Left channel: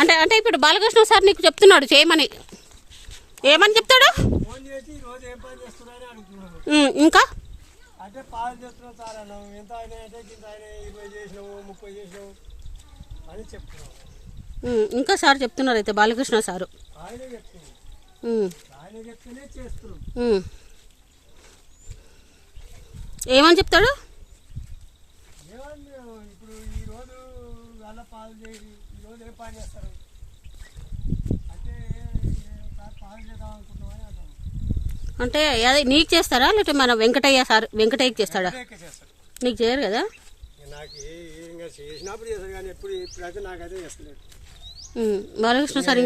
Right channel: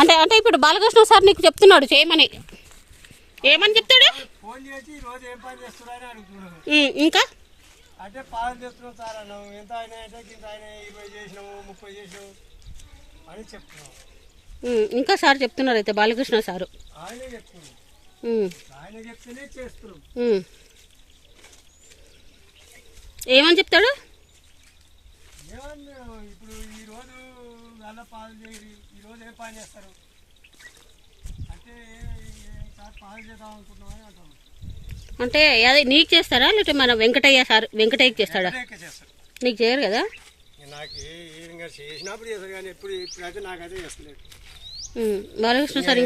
అంటే అంటే ఇప్పుడు బాలకృష్ణ సార్ నీకు చెప్తున్నాడు చేయమని, ఏమని చెప్తాడు? ఇంకా అంటే పాలు చేస్తున్నాం సార్ అన్నాము, ఎంత అయినా అంటే ఇంత అయినా 20 చేసినాము 30 చేసినాము అని చెప్తున్నాం. ఇంకా సార్ చెప్తున్నారు అయితే బాలకృష్ణ సారు ఆయనే చెప్తున్నాం, ఆయన చెప్తేనే చేస్తున్నాం. ఏమని చెప్తాడు? ఏమన్నా ఇప్పుడు ఈరోజు వాళ్ళ పాలు చేయరు, ఈరోజు ఏం పని చేస్తారు అంటే పాలు చేద్దాం అనుకుంటున్నామని అంటాం. అంటే అదే నీకు చేస్తారా లేకపోతే మన వెంకటయ్య సార్ వెంకటయ్యకి చేస్తాడా? నీకు చేయరు కదా? నాకు ఇంకా చేసినప్పుడు చేస్తారు కానీ ఇప్పుడైతే నాకైతే చేస్తలేదు. బాలకృష్ణ సార్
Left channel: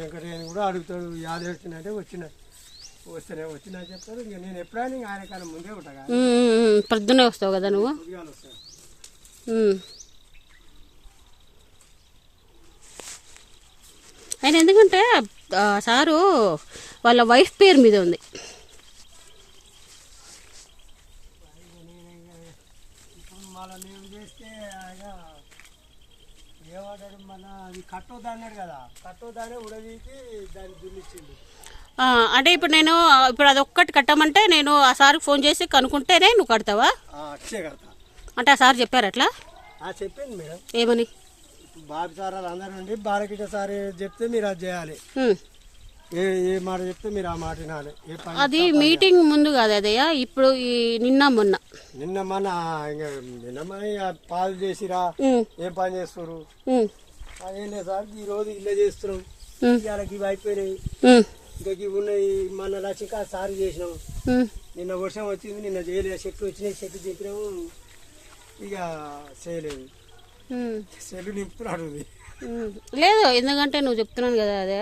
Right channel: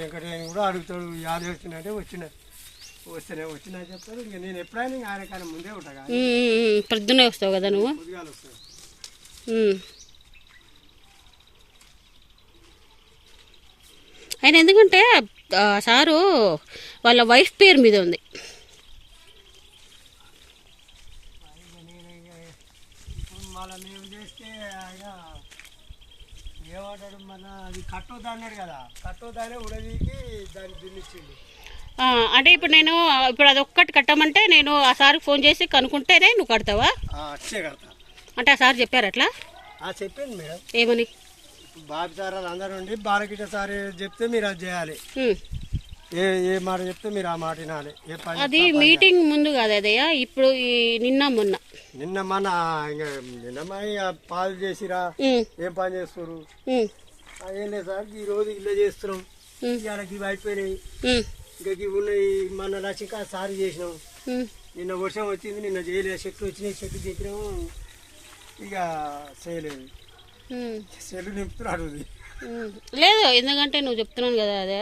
వెంకటయ్యని కూడా అడుగుతాడు, యాద వచ్చిందంటే వచ్చినా చెప్తారు. ఇంకా నేను ఎప్పుడైనా ఆయన కానీ ముందే ఉంటా, పొద్దున్నే వస్తావు కదా నువ్వు. పొద్దుగాలు వస్తాను. ఆయన ఎందుకంటే సారు వాళ్ళ వైఫ్ పేరు మీద ఉంది. మళ్ళీ మేము చేస్తే ఆయన ఏమంటాడు, మన అది కట్టొద్దు అన్నాడు కదా, కట్టొద్దానే ఉడవీకి దాన్ని దున్నిచ్చిండు. అంటే ఇప్పుడు నేను ఇప్పుడు అది ఒక్కటి కట్టమంటే నేను ఆ సార్కి ఫోన్ చేసి కనుక్కుంటేనే నువ్వు కడతావా? అచ్చే కడతా అంటే ఆ సార్ చెప్పారు అట్లా? చెప్పింది మేడం. ఏమని? బాబు సార్ అందరూ ఉండి బాలకృష్ణ సార్ చెప్తే మీరు అది చేయాలి, ఏ మాట చెప్తే మీరు ఆ మాట వినాలి. అది మీటింగ్ ముందు కాదు అదయ్యా, ఇప్పుడు నిన్న మొన్న పాలు చేసిరా ఏం పని చేస్తారు ఏం లేదు సార్, ఈ రోజు ఇల్లు చేస్తున్నాం, ఇవాళకి ఇవి అయిపోయినాయి, ఇంకా ఇవి ఉన్నాయి, మన లక్ష్మీ సార్ చేసినాం, నిన్న వర్షం వచ్చింది నిన్న చేయలేదు, చెట్లు వచ్చినాయి చెట్లు చెప్పినాము, ఇక చేయలేదు, చెల్లు నింపుతున్నాడు. లేదు ఎందుకంటే నువ్వు చెప్తున్నాను కదా అదే,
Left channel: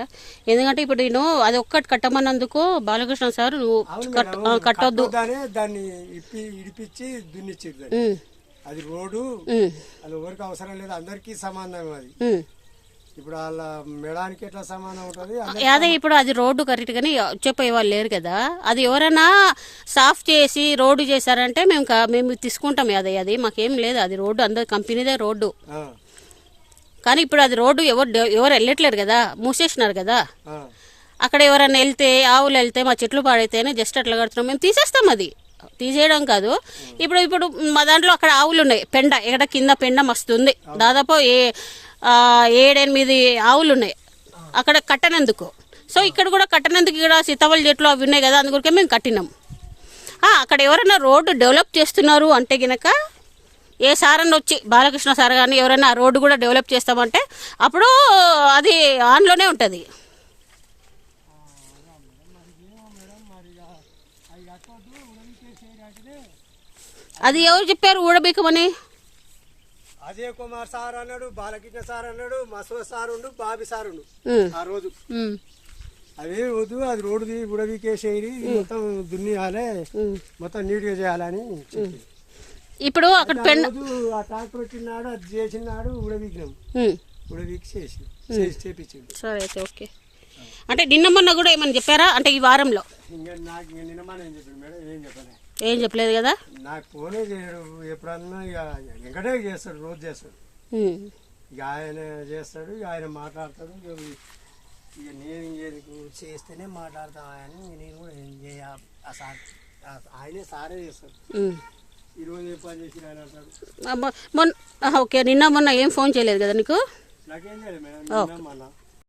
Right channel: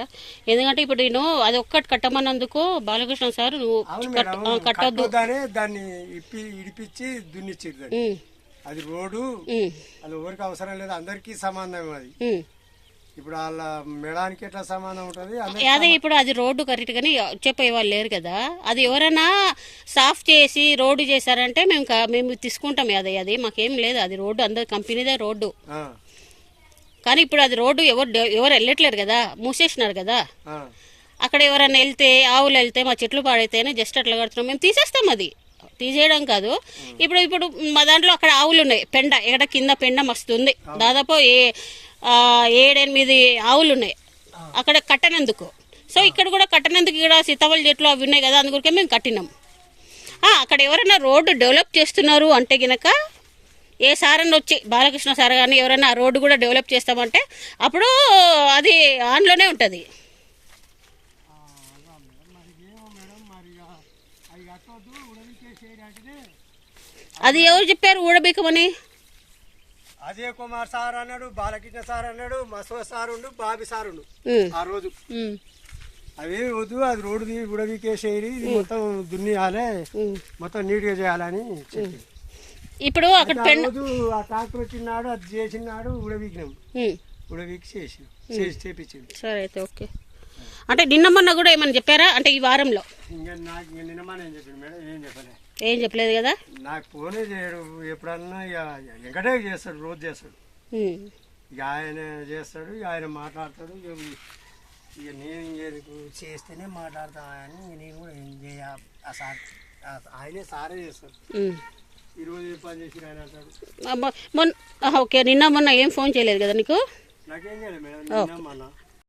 ఎందుకంటే ఇప్పుడు నేను అది ఒక్కటి కట్టమన్నందుకు బాలకృష్ణ సార్ నువ్వు కట్టొద్దు దాన్ని ఇడిపించి దున్నిచ్చిరు. అది రోడ్డు అది ఎవరికి అవసరం లేదు, అందరికీ సమానం. అది ఇప్పుడు వాళ్ళ మేడానికి ఎట్లా సమానం ఉంటుంది అదే. ఇప్పుడు అది రోడ్డు కరెక్ట్ గానీ చెప్పే వాళ్ళు లేరు కదా, అది ఎవరైనా సాఫ్ చేసి రోడ్డు చేశారంటే మేము తీసుకుంటాం. అది మాకేం లేదు, అది రోడ్డు అందరి కంపెనీదే రోడ్డు. కానీ ఇప్పుడు అది రోడ్డు ఎవరు వెళ్ళట్లేరు కదా, మూసేసినారు కదా. అక్కడ ఎవరైనా వెళ్తే ఆవులు వెళ్తే మా చెట్లు పాడైతేనే జస్ట్ అట్లా కడుతున్నాం, మేము తీసేస్తాం. అది తీసేయడం కాదు. ఇప్పుడు మా దాంట్లో అక్కడ ఆవులు ఉన్నాయి, పెండ ఎక్కడ కింద పెండ మస్తుంది, దాదాపు 7-8 ఆవులు ఉన్నాయి అక్కడ కట్టనందుకు. సో ఇక్కడ కూడా కట్టనందుకు ఇక్కడ సీతాఫల చెట్లు అవి ఉన్నాయి కదా, అందుకే మేము కట్టినాం. అక్కడ ఎవరైనా రోడ్డు డెవలప్ చేస్తున్నారు అంటే గినక ఏ సార్ అని వచ్చి బాలకృష్ణ సార్ కానీ ఎవరైనా రోడ్డు కూడా డెవలప్ చేస్తామంటే అప్పుడు అది ఆన్లోనే ఉంటుంది. అది ఎవరు చెప్పారు ఊడబీకమని? అజయ్ కుమార్ సార్ అన్నాడు, బాలకృష్ణ సార్ అన్నాడు, మసో సార్ ఉండు, బాబీ సార్ ఉండు. ఆ రోజు అదే వద్దు, అది రోడ్డు ఉడబీకేసేది, మొత్తం దున్నియాలి, మొత్తం నీట్గా చేయాలని చెప్పి. ఇప్పుడు అక్కడ ఆ ట్రాక్టర్ వచ్చినాడు, అది చేసినాడు, ఉడబీకినాం, ఉడబీకి చేపించింది. సరే అయితే ఓకే. అంటే నిన్న మొన్న కూడా ఏమని చెప్పారా అంటే ఈ వారంలో? ఇంకా నాకు నిన్న మొన్న ఏం చెప్పింది మేడం, ఏం చెప్పలేదు కదా. నాకు ఫోనే చేయడు, ఎప్పుడన్నా ఇక వెంకటే చేస్తాడు, రోజు చేస్తాడు, ఇక ఆయన చేస్తాడు, ఆయన మాట్లాడతాడు. ఇక నేను చేస్తేనే మాట్లాడతాను, నేను కూడా ఏం చేయ ఆయనే సారే చేస్తాడు. ఈరోజు ఏ పని చేసి ఆయన అంటాడు. ఓకే, నిన్న మొన్న ఏం ఫోన్ చేయలేదు కదా నీకు? నాకేం చేయలేదు మేడం, నిన్న మొన్న